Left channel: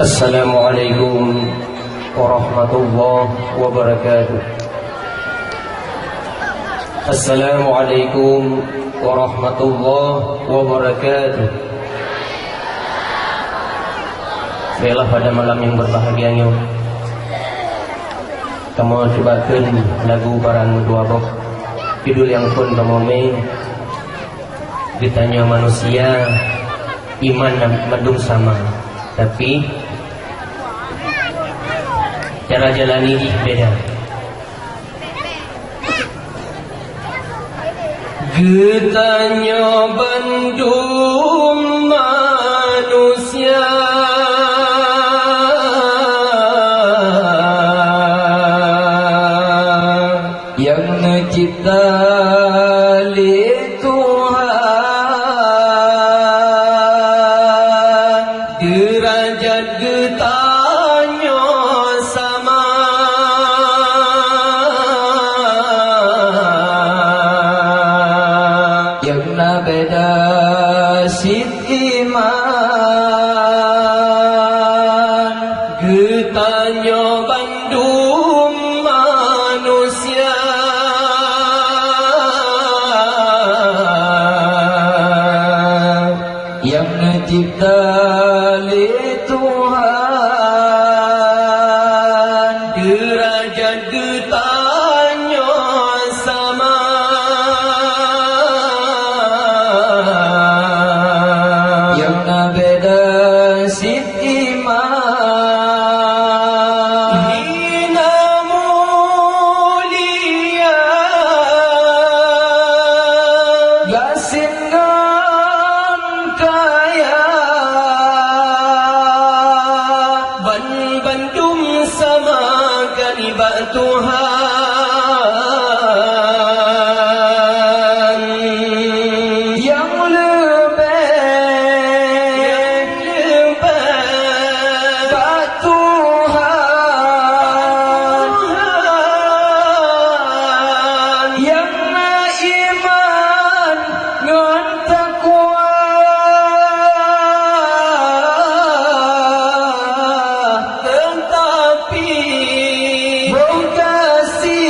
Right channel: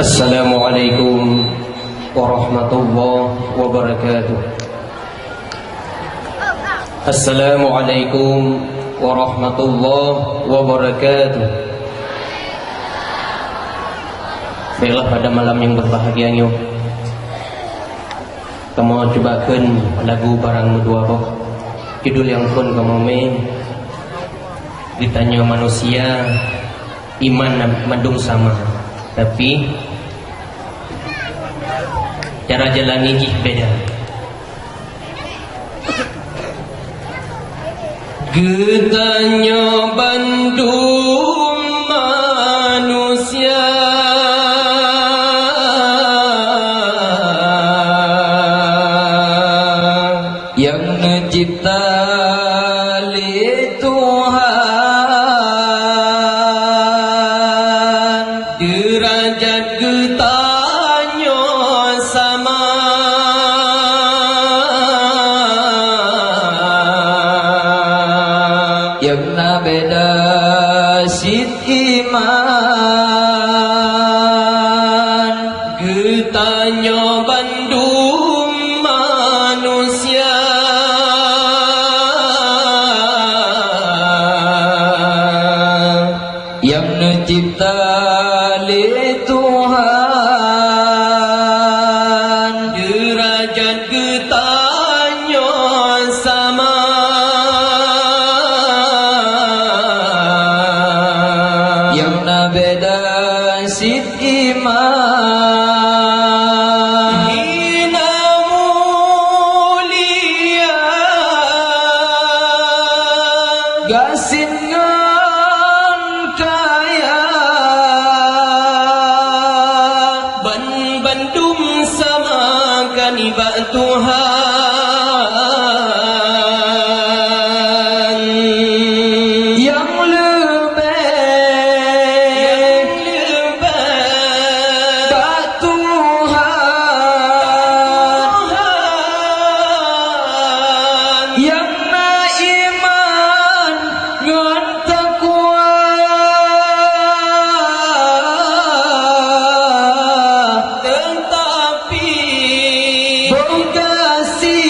Assalamualaikum warahmatullahi wabarakatuh. Assalamualaikum warahmatullahi wabarakatuh. Baiklah, pada malam yang berbahagia ini kamu cobakan lagu barang dua bok. Judul yang pun kamu ditanya manusia iman mendung sama, tapi cara jalani beda. Getanya Bandung manusia yang mencipta li Tuhan, derajat getanya sama, yang na beda sit iman. Getanya Bandung manusia yang mencipta li Tuhan, derajat getanya sama, yang na beda sit iman. Hina mulia gasingan kaya, Bandung sama kanibak Tuhan, yang lebih kat Tuhan, yang na iman ngan takwa, tetapi bongkasi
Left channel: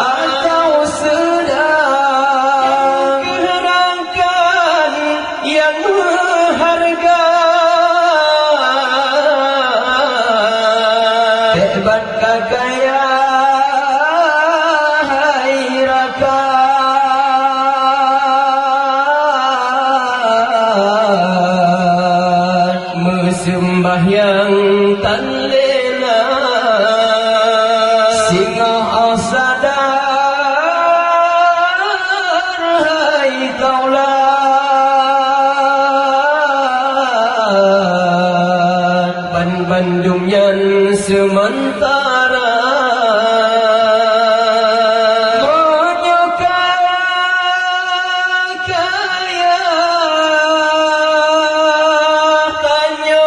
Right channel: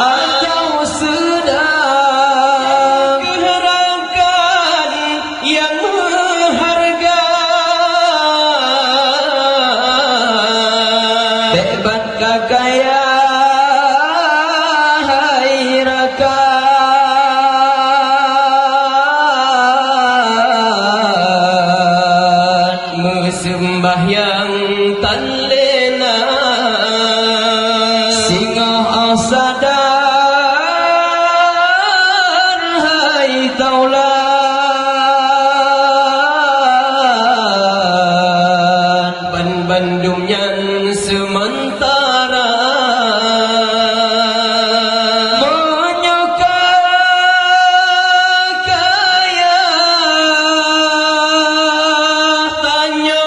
atau sedang keharakan yang berharga, hebat kakaya hairakan, sembahyang tan lena singa asadar hai taulan, Bandung nyan sementara menyukai kaya, tanya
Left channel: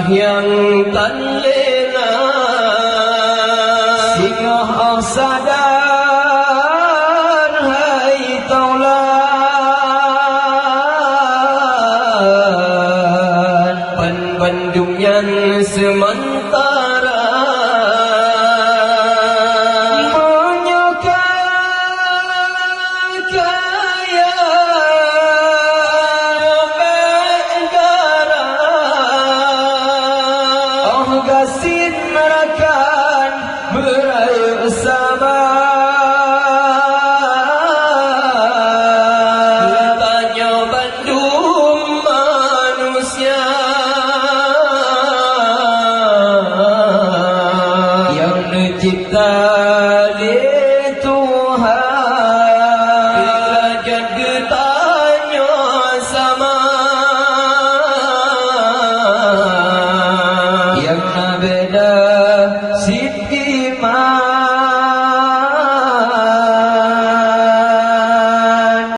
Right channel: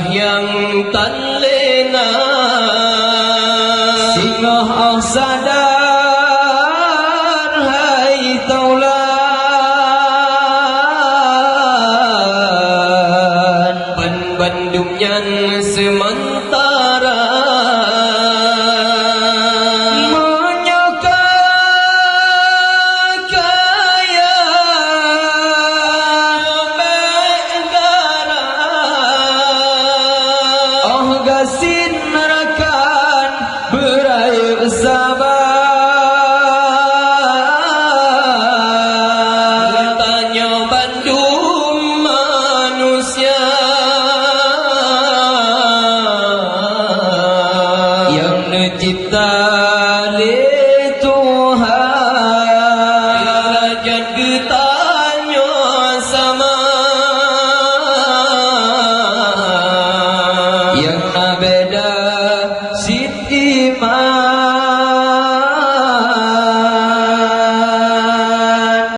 Singgah yang tan lena, singgah sadar hai taulan, pan Bandung yang sementara. Gasin nerakan berayu sabar, Tanya Bandung manusia yang mencipta